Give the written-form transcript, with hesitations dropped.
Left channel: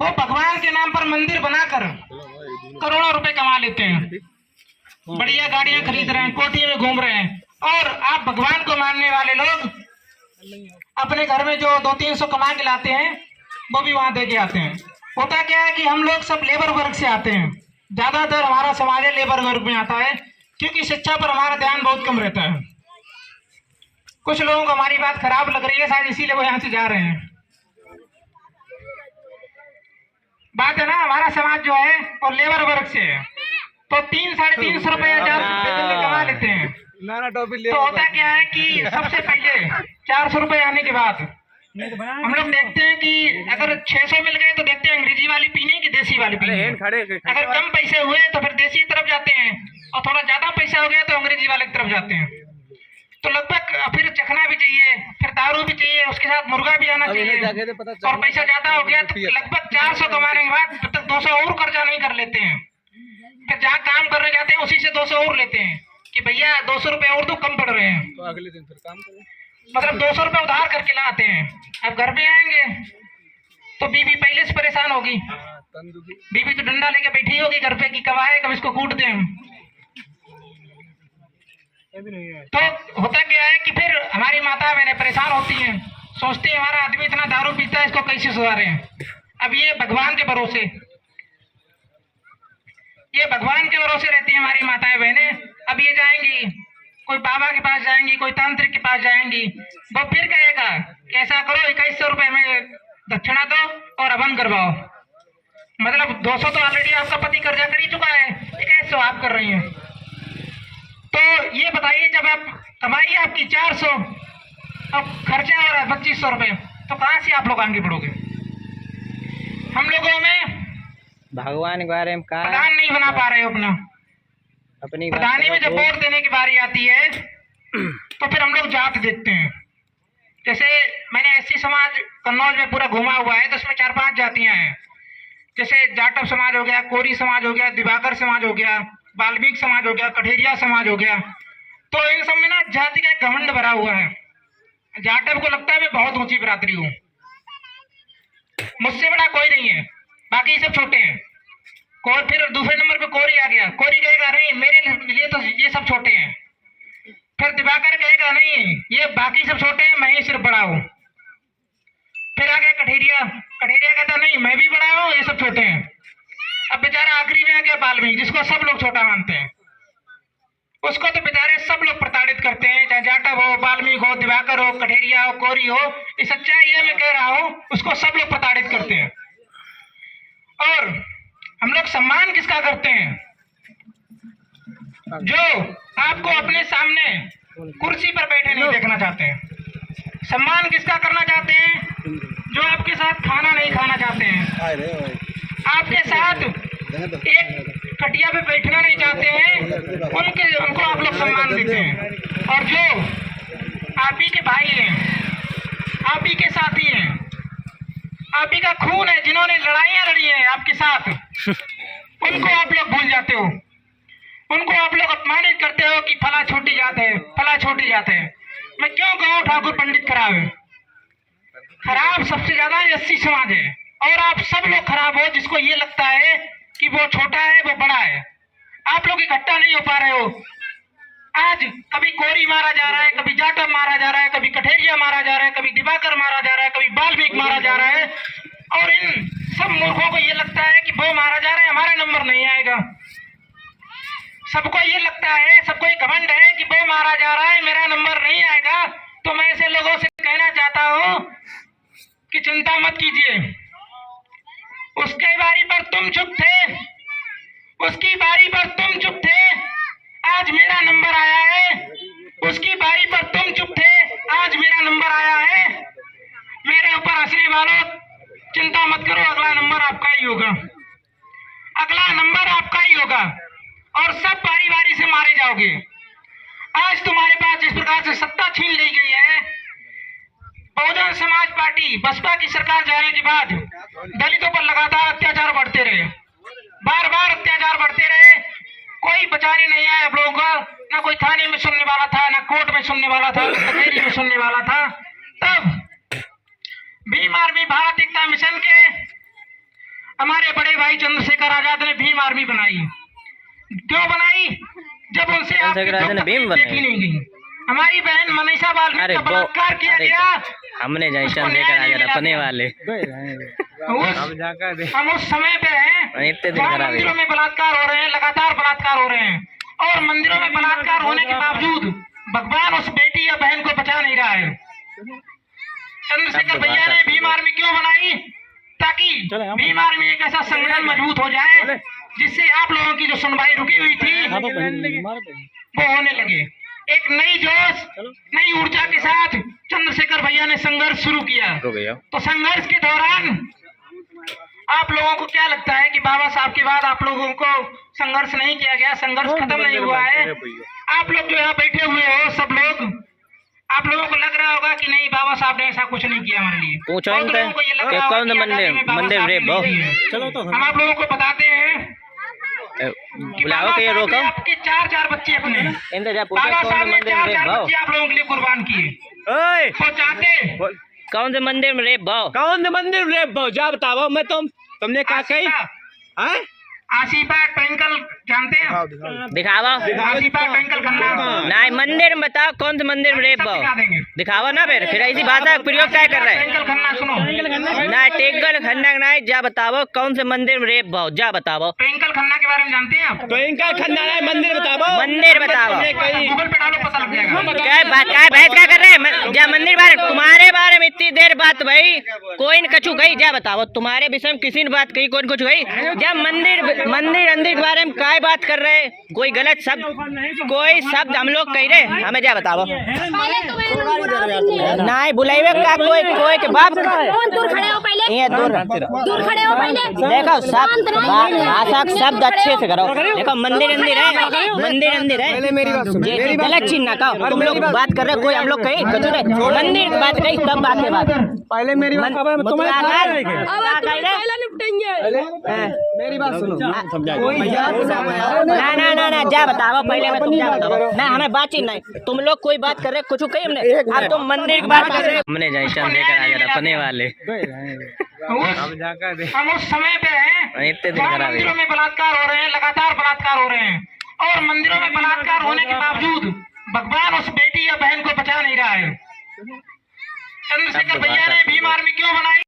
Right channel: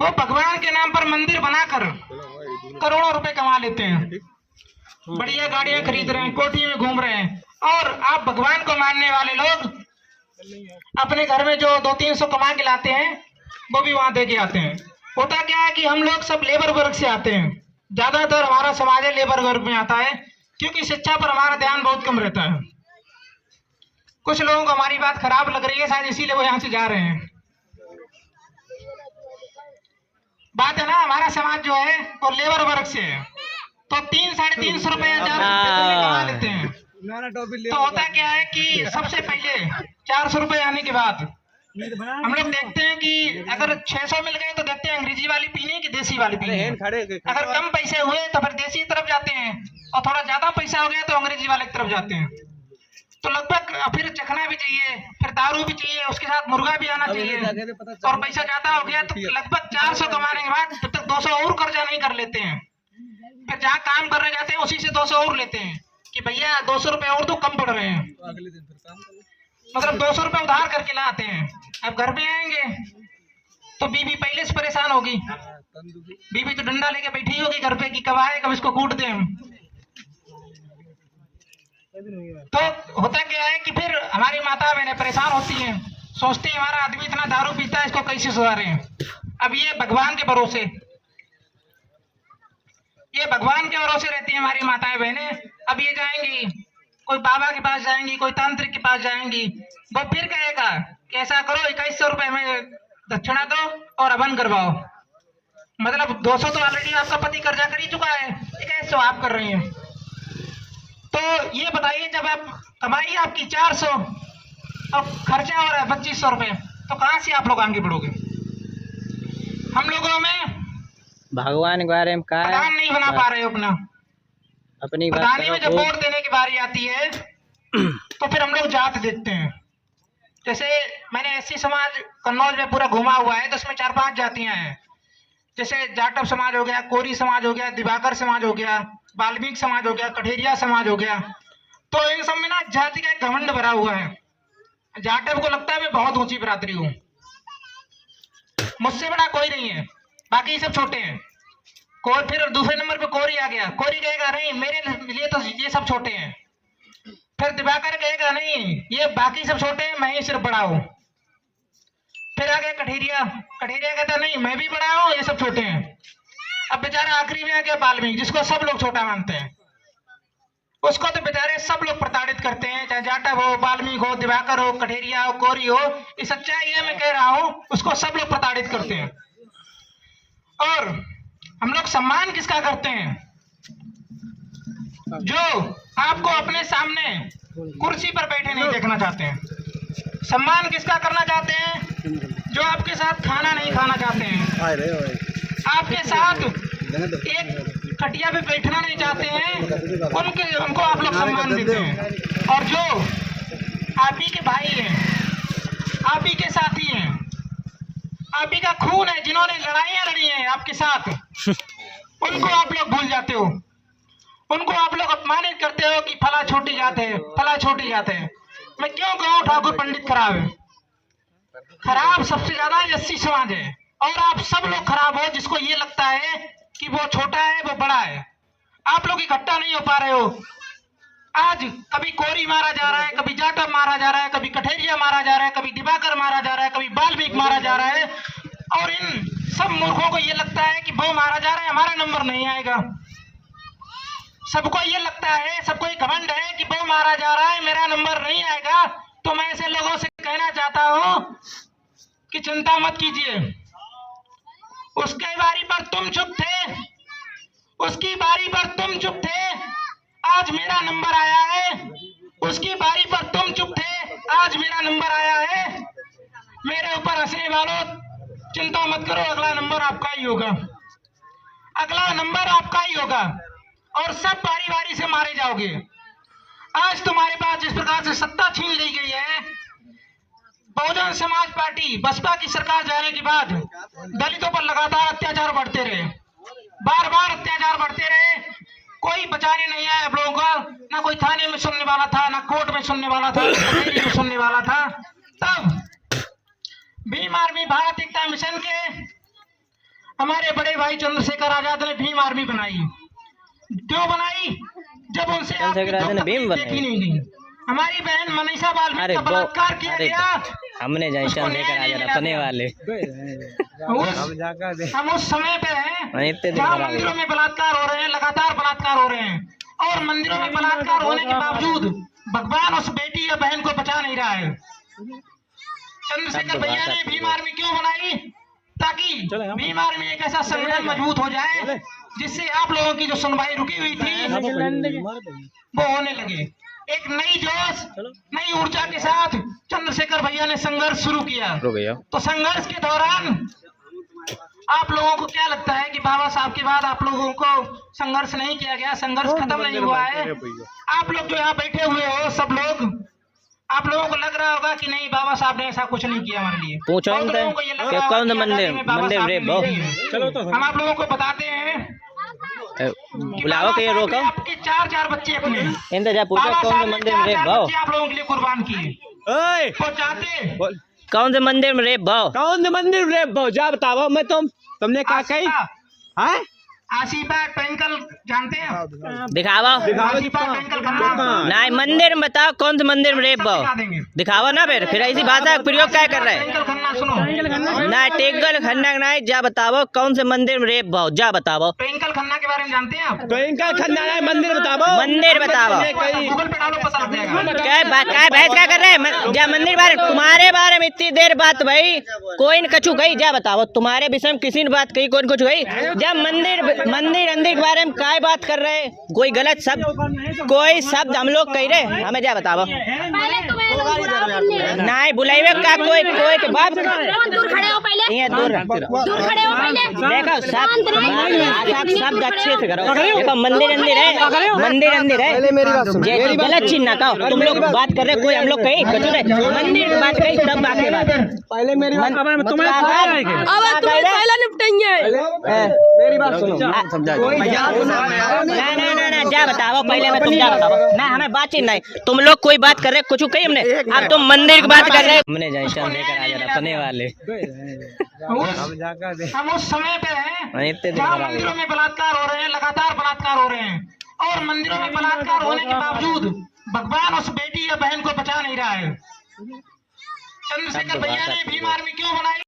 वो भगवान के नाम पर मंदिर बनाकर करोड़ों रुपए कमा लेते हैं, बढ़िया गाड़ियां खरीद रहे हैं, कोठी में घूम रहे हैं। और आप भगवान को मानने वाले लोग अपने घर में जो 200-300 कमा के लाते हैं वो भी वहां दे के आते हैं। होता क्या है कि हम लोग सब लेबर वर्ग से आते हैं, ज्यादातर हमारा समाज है लेबर वर्ग में आता है, क्योंकि शिक्षा पर हमारा ध्यान बहुत कम रहता है। कुछ लोगों को हमारी बात खराब लग रही है शायद, इसीलिए वो यहाँ से जा रहे हैं। बात है ना, हमारा समाज जो है वो लेबर वर्ग से है, तो 300-350 रुपया कमा लेते हैं। तो होता क्या है कि सबसे पहले 400 रुपए आने के बाद हम लोग देखते हैं कि अगर 600 मिल गए तो देखते हैं अंग्रेजी वाली पीने की देसी वाली पीने। अगर कम पैसे हुए तो फिर देसी की तरफ जाते हैं, और थोड़ा ज्यादा पैसा हो गया तो अंग्रेजी वाले की तरफ जाते हैं। तो लगभग फिर चखना भी चाहिए, फिर दारू भी चाहिए, उसके साथ मुर्गा भी आना चाहिए, और पैसा ज्यादा हो गया तो लगभग 400 कमाने के बाद जब तक 200 और कर्जा नहीं कर लेते हैं, फिर जहाँ काम करने जाते हैं उसी से 200 और लेते हैं कि भैया 200 रुपए और तो कम पड़ रहे हैं, तो अगले दिन फिर काम करो। मतलब 200 रुपए उधार करके लाते हैं। अब घर पे आएंगे तो बीवी पहले से परेशान होगी, बीवी तो डंडा लेके बैठी होगी घर पे कि कब आए कब इसको कूट दें। तो होता क्या है कि फिर हमारी माता बहनें परेशान होती हैं, सोचती है हमारा आदमी इतना दारू पीता है, इसको कैसे सुधारें। अब ये भगवान के भरोसे रहती है हमारी माताएं बहनें। अब ये जाएंगी, कोई बाबा के पास जाएंगी, कोई तांत्रिक के पास जाएंगी, वो फिर कहेगा कि ऐसा करो 2100 रुपए में दक्षिणा दो और हवन करवाओ। मतलब 200 तो ऑलरेडी आपका पति कर्जा कर ही चुका है, 2100 आप कर रही हैं। तो ये बताइए, जब आप कमाई आपकी 400 और खर्चा हो रहा है 2500 रुपए, तो कहाँ से आप लोग आगे बढ़ोगे। हम लोगों में भगवान के बारे में कहा प्रधान नहीं बना पा रहे हो अपना। अपनी प्रधानी में जब वोट देने की बारी आती है तो फिर हम लोग जात देखते हैं। जैसे मैंने एससी समाज कन्नौज में पूरा घुमा हुआ है, तो उसमें 4-5 जातियां हैं। जैसे जाटव समाज हो गया, कोरी समाज हो गया, दिवाकर समाज हो गया, वाल्मीकि समाज हो गया, कठेरिया समाज हो गया। तो इन सब में ना जाति का एक घमंड भरा हुआ है। जाटव को लगता है मैं बहुत ऊंची बिरादरी हूँ, मुझसे बड़ा कोई नहीं है, बाकी सब छोटे हैं। फिर दूसरे नंबर पे कोरी आ गया, कोरी कहेगा नहीं मेरे लिए तो ये सब छोटे हैं। फिर दिवाकर कहेगा नहीं ये बाकी सब छोटे हैं, मैं ही सिर्फ बड़ा हूँ। फिर आ गया कठेरिया, कठेरिया कहता नहीं मैं भी बड़ा हूँ, ये सब छोटे हैं। अब बेचारा आखिरी में आ गया वाल्मीकि, जिसको सब लोग छोटा मानते हैं। उसको तो बेचारे सब लोग प्रताड़ित करते हैं, चाहे जाटव हो, वाल्मीकि हो, दिवाकर हो, कठेरिया हो, कोरी हो। इस सच्चाई है मैं कह रहा हूँ, उसको सब लोग प्रताड़ित करते हैं। और हम लोग सम्मान किसका करते हैं, जो आपको अपने सामने कुर्सी पर बैठे नहीं देखना चाहते हैं। सम्मान किसका करना चाहते हैं, जो आपके साथ खाना नहीं खाना चाहते हैं, आपके साथ एक खटिया पे बैठना नहीं चाहते हैं, उनको आप लोग सम्मान देते हैं। और जो आप ही के भाई हैं, आप ही के साथी हैं, आप ही का खून है, जिन्होंने लड़ाइयां लड़ी हैं आपके साथ, उनको आप लोग भूल जाते हो, उनको आप लोग अपमानित करते हो कि फला छोटी जात है, फला छोटी जात है। मैं क्यों कहूँ ठाकुर पंडित खराब है, खराब सबसे ज्यादा एससी समाज है। और आप सब लोग खराब हो जिसको ये लगता है कि वो छोटा है वो बड़ा है। आप लोग इकट्ठा नहीं हो पा रहे हो। आज कभी कोरी मारा जा रहा है, कभी जाटव मारा जा रहा है, कभी कठेरिया मारा जा रहा है, कभी दिवाकर मारा जा रहा है, कभी वाल्मीकि मारा जा रहा है। और इन सब मूर्खों को ये लगता है कि वो मारा जा रहा है, हमारा नंबर नहीं आएगा। सबको ये लगता है, सबको ये घमंड है कि वो मारा जा रहा है, मेरा नंबर नहीं आएगा। तो मैं ऐसे लोगों से कहना चाहता हूं कि चिंता मत कीजिए, उसके बारी पर तुम चुप थे, उसकी बारी पर तुम चुप थे, आज मेरा नंबर आया है। उसकी बारी पर तुम चुप थे, आज मेरा नंबर आया है। मेरे ऊपर हंसने वालों चिंता मत करो, अगला नंबर आपका ही होगा, अगला नंबर आपका ही होगा। और सब बारी बारी से मारे जाओगे। आज तुम्हारे पास जिस प्रकार से सत्ता छीन ली गई है, बहुजन समाज पार्टी बसपा की सरकार जाने के बाद दलितों पर लगातार अत्याचार बढ़ते रहे, बार बार अत्याचार बढ़ते रहे, कोई बचाने नहीं आया आप लोगों को। ना कोई थाने में सुनने वाला था, ना कोर्ट में सुनने वाला था, ना कचहरी में सुनने वाला था। तब भीम आर्मी भारत एकता मिशन के हमारे बड़े भाई चंद्रशेखर आजाद ने भीम आर्मी बनाई। क्यों बनाई? जब उनसे आपकी चंद्रशेखर आजाद ने भीम तकलीफ देखी नहीं गई। हमारी बहन मनीषा बाल्मीकि का बलात्कार किया गया। हमने जाए उसको चंद्रशेखर न्याय नहीं आजाद मिला अपने गया। वाले हम उस समय पे हैं इतने दिन जहाँ खराब मंदिरों में बलात्कार हो रहे हैं, लगातार बलात्कार हो रहे हैं, और मंदिरों में बलात्कार होने के बावजूद भगवान उस बेटी या बहन को बचा नहीं रहा है। चंद्रशेखर भैया ने भीम आर्मी क्यों बनाई? ताकि भीम आर्मी एक ऐसा संगठन मजबूत हो जाए जिससे आप लोगों की जो सुनवाई रुकी हुई थी वो होने लगे। एक नई जोश, नई ऊर्जा के साथ चंद्रशेखर भैया ने संघर्ष शुरू किया। तो संघर्ष के दौरान आप लोगों को क्या लगता है कि बाबा साहब के बाद आप लोगों को संघर्ष नहीं किया गया, संघर्ष खत्म नहीं हुआ है? आप लोग जो यहाँ बैठे हुए हो सब लोग, आप लोगों को लग रहा होगा कि नहीं बाबा साहब ने ऐसा कुछ नहीं किया हमारे लिए। पूछो बहुत लोगों को ये लग रहा होगा कि आजादी में बाबा साहब ने नहीं किया। हम आप लोगों को बताते हैं कि बुलाओ बाबा के ये साहब ने रोको आपके चार बच्चे अपने इंतजार पूछो बाबा कौन साहब से ने मंदिर में रेप चार भाव बच्चे आप लोगों के लिए कुर्बान किए। तो चाहते कौन से मंदिर में रेप भाव कौन से मंदिर रे जा बताओ। मैं तुमने क्या कही है? आसिफा ट्विंकल जानते हैं? दिखावा आसिफा ट्विंकल खन्ना नहीं मंदिर में बताओ कौन से मंदिर में रेप सब भाव दिखा देंगे। दिखावा ना फिर ऐसी भाषा का प्रयोग क्या कर रहे हैं ट्विंकल खन्ना सुनो, ना टेकल खन्ना नहीं जा बताओ कौन से मंदिर में रेप भाव जा बताओ ट्विंकल खन्ना के बारे में जानते हैं आप? तो इनका खन्ना है मंदिर बताओ। मंदिर बताओ गूगल पे डालो पता लग जाएगा। क्या बात क्या बहस क्या कर रहे हैं जा मंदिर बारे तुम्हारे बारे में इतनी देर बात भाई कोई न कछु गई जा बताओ तुम्हारे विषय में किसी ने बात कही कोई न कुछ गई जा मंदिर के बारे में काय बात कर रहे हैं कोई गलत शब्द कोई शब्द हम लोग कह रहे हमें जा बताओ नहीं बुलाइए का कोई के बाप दूर खड़े हो पहले, ये दूर खड़े हो पहले। देखो सब भाषा के शब्द अच्छे से करो देखो मंदिर है ये गलत चीज ना कहो तुम लोग बात कर रहे कोई हम लोग कही कछु नहीं मंदिर की बात कही तब बात बात पहले मेरी बात पहले निपटेंगे। मेरी बात सुनो ना जा बताओ पहले में तुम जा बताओ ना हमें बातचीत नहीं तुम लोग कोई बात कर रहे कुछ कही हमने अब तुम मंदिर की बात कर रहे हमने जैसा लेकर आ जा अपने वाले हम उस समय पे हैं इतने दिन जहाँ खराब मंदिरों में बलात्कार हो रहे हैं, लगातार बलात्कार हो रहे हैं, और मंदिरों में बलात्कार होने के बावजूद भगवान उस बेटी या बहन को बचा नहीं रहा है। चंद्रशेखर भैया ने भीम आर्मी क्यों बनाई?